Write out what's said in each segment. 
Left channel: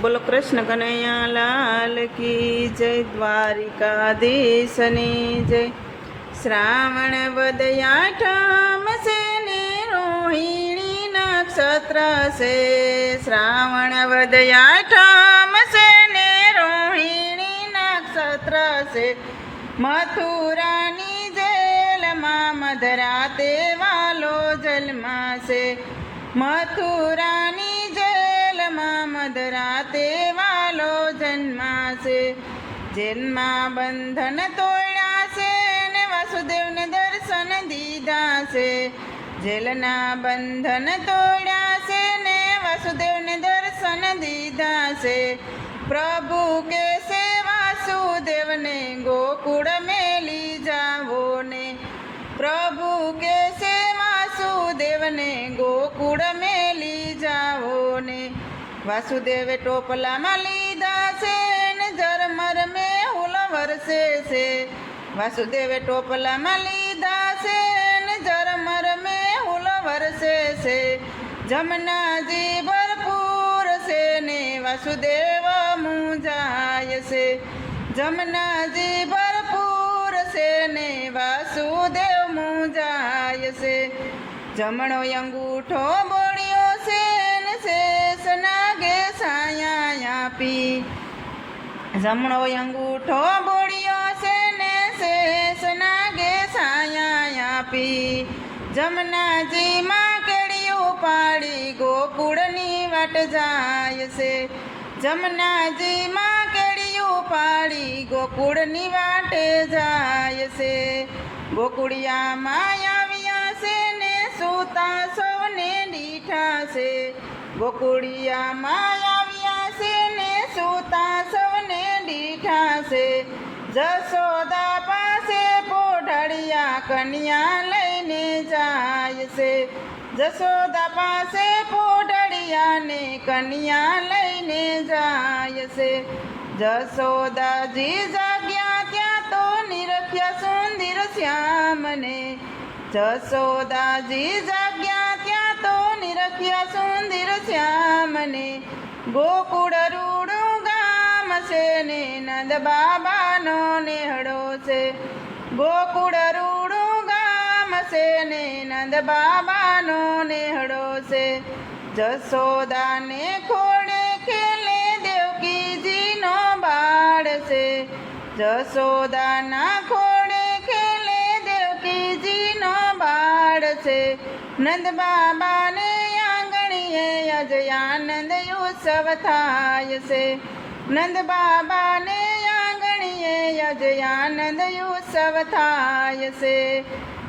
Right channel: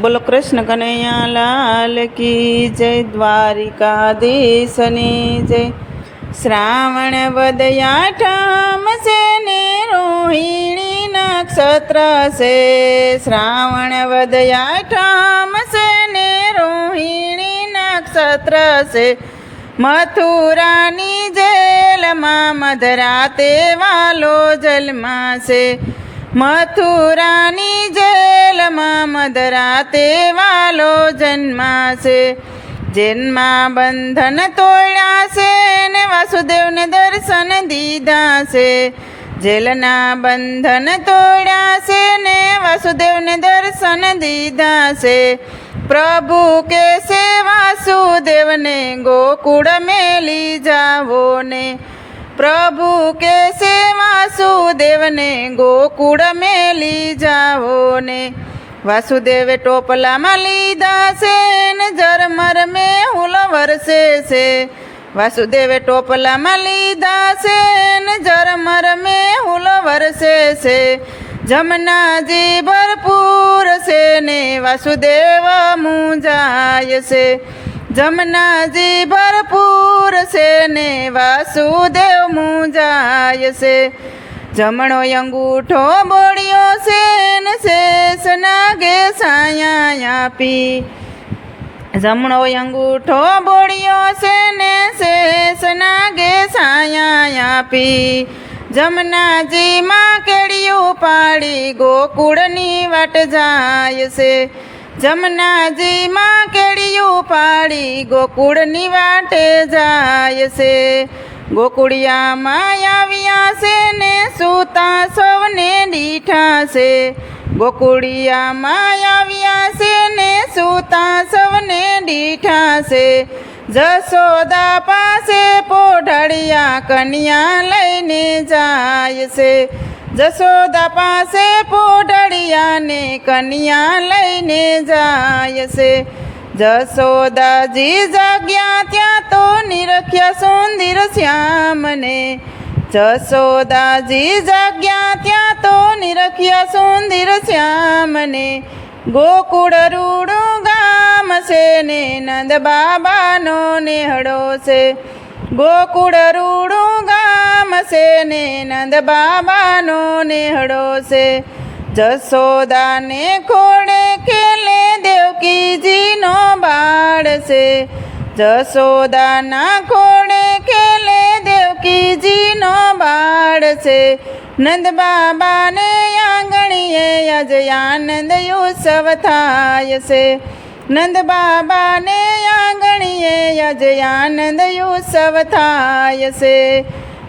બોલો કૃષ્ણ કનૈયા લાલ કી જય, દ્વારિકાધીશની જય. શ્રાવણ વદયાઠમ છે ને રોહિણી નક્ષત્ર છે? શ્રાવણ વદયાઠમ છે ને રોહિણી નક્ષત્ર છે? મથુરાની જેલમાં મધરાતે વાલો છે મથુરાની જેલમાં મધરાતે વાલો જન્માશે. જેલમાં બંધન તોડ્યા છે ને વાસુદેવને દર્શન દીધા છે જેલના બંધન તોડ્યા છે ને વાસુદેવને દર્શન દીધા છે પ્રભુ કે છે વાસુદેવને ગોકુળ મેલી જાવો ને. પ્રભુ કે છે વાસુદેવને ગોકુળ મેલી જાવો ને. વાસુદેવે ટોપલામાં લીધા છે ને જરમર મેં હુલ વરસે છે. વાસુદેવે ટોપલામાં લીધા છે ને જરમર મેં હુલ વરસે છે. જમનાજી ભરપૂર છે ને વાસુદેવ મુંજાય છે. જમનાજી ભરપૂર છે ને વાસુદેવ મુંજાય છે. જમણો અંગૂઠો બોળ્યો છે ને શેષ નાગે સાયા આપી. જમણો અંગૂઠો બોળ્યો છે ને શેષના ગે સાયા આપી. જમનાજીમાં કેડિયું પાડી ગોકુળની વાટ જાય છે. જમનાજીમાં કેડિયું પાડી ગોકુળની વાટે જાય છે. ગોકુળિયામાં આવ્યા છે ને સૂતા સૌને દીઠા છે. ગોકુળિયામાં આવ્યા છે ને સૂતા સૌને દીઠા છે. જસોદા પાસે પોઢળિયા કન્યા લઈને જાય છે. જસોદા પાસે પોઢળિયાને કન્યા લઈને જાય છે. જસોદાજી જાગ્યા ત્યાં તો નિરખ્યા સુંદર શ્યામને. જસોદાજી જાગ્યા નિરખ્યા સુંદર શ્યામને, ગોકુળ રૂડું ગામ છે ને, નંદ બાબાનો નેહડો છે. ગોકુળ રૂડું ગામ છે ને, નંદ બાબાનો નેહડો છે. જસોદાને ખોડે ખેલે દેવકીજીનો બાળ છે. જસોદાના ખોડે ખેલે દેવકીજીનો બાળ છે. નંદ બાબાને આજે ઉત્સવ થાય છે નંદ બાબાને આંગણીએ આજે ઉત્સવ થાય છે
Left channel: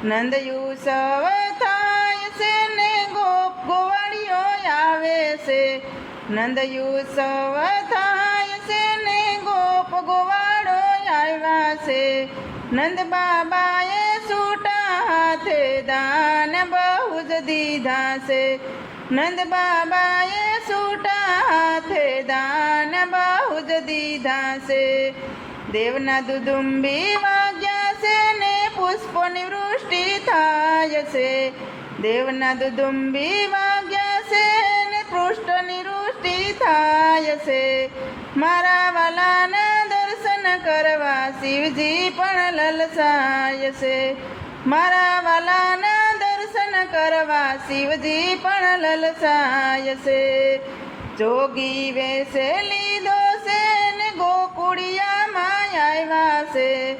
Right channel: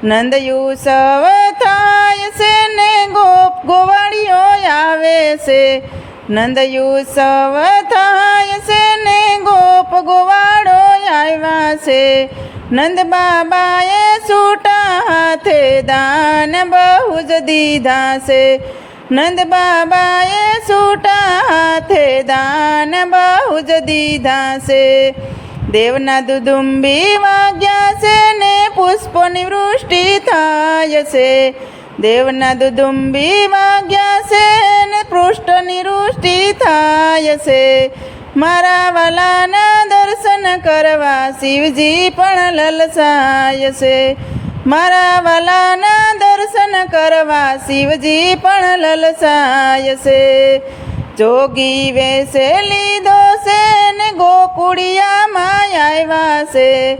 નંદ ઉત્સવ થાય છે ને ગોપ ગોવાળીઓ આવે છે નંદ ઉત્સવ થાય છે ને ગોપ ગોવાળો આવ્યા છે નંદ બાબાએ છૂટા હાથે દાન બહુ જ દીધા છે નંદ બાબાએ છૂટા હાથે દાન બહુ જ દીધા છે. દેવના દુદુંબી વાગ્યા છે ને પુષ્પોની વૃષ્ટિ થાય છે. દેવના દુદુંબી વાગ્યા છે ને પૃષ્ઠની વૃષ્ટિ થાય છે. મારા વાલાના દર્શન કરવા શિવજી પણ લલસાય છે. મારા વાલાના દર્શન કરવા શિવજી પણ લલસાય છે. જોગી વેસે લીધો છે ને ગોકુળિયામાં આવ્યા છે.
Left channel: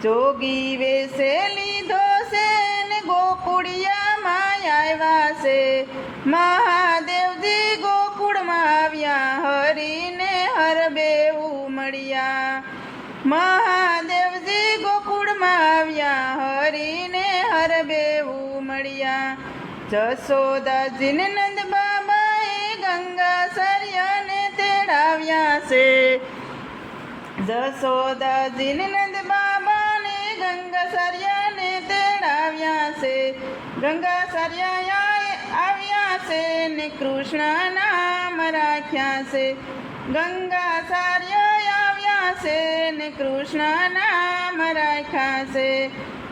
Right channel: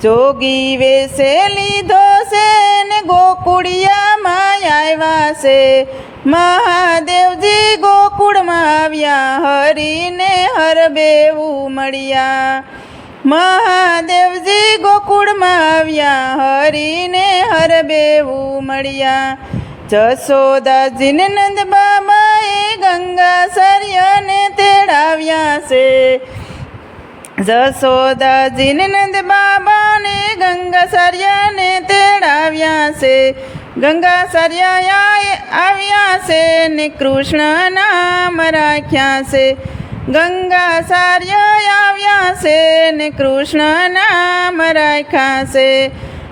જોગી વેસે લીધો છે ને ગોકુળિયામાં આવ્યા છે. મહાદેવજી ગોકુળમાં આવ્યા, હરીને હરબેવું મળ્યા. મહાદેવજી ગોકુળમાં આવ્યા, હરીને હરબેવું મળ્યા. જસોદાજીને નંદ બાબાએ ગંગા સર્યને તેડાવ્યા છે. જસોદાજીને નંદ બાબાને ગંગા સર્યને તેડાવ્યા છે. ગંગા સર્યા આવ્યા છે ને કૃષ્ણ નામ રાખ્યા છે. ગંગા સાર્ય આવ્યા છે ને કૃષ્ણ નામ રાખ્યા છે.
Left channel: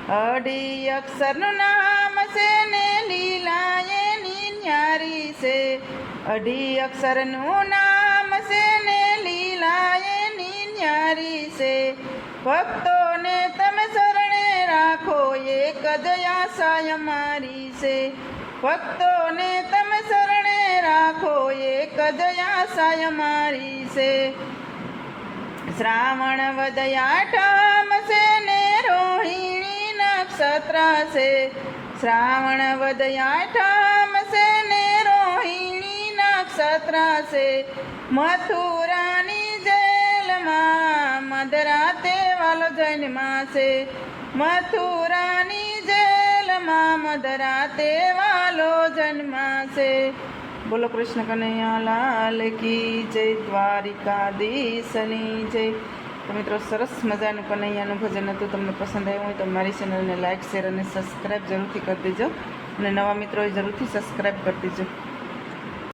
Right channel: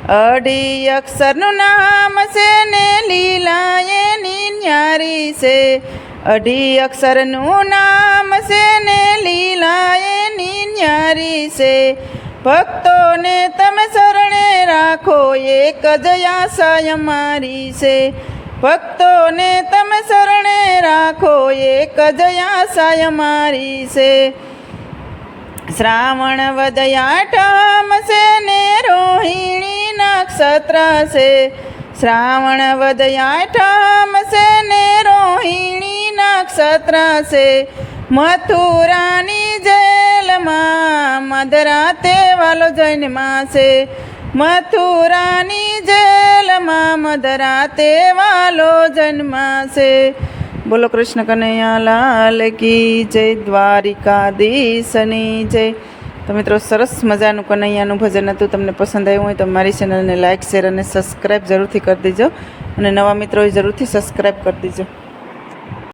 અઢી અક્ષરનું નામ છે ને લીલા એની ન્યારી છે. અઢી અક્ષરનું નામ છે ને લીલા એની ન્યારી છે. ભક્તોને તમે શરણે રાખો, એક જ આશા અમારી છે. ભક્તોને તમે શરણે રાખો, એક જ મારી છે. શ્રાવણ વદયાઠમ છે ને રોહિણી નક્ષત્ર છે. શ્રાવણ વદયાઠમ છે ને રોહિણી નક્ષત્ર છે. મથુરાની જેલમાં મધરાતે વાલો જન્માશે. મથુરાની જેલમાં મધરાતે વાલો જન્માશે. બોલો કૃષ્ણ કનૈયા લાલ કી જય દ્વારિકાધીશની જય. તો મિત્રો સરસ મજાનું કનૈયાનું ભજન હતું, તમને પસંદ આવ્યું હોય તો મારી ચેનલને લાઇક શેર અને સબસ્ક્રાઈબ જરૂરથી કરી દેજો. અને નવા મિત્રોએ જરૂરથી સબસ્ક્રાઈબ કરી દેજો.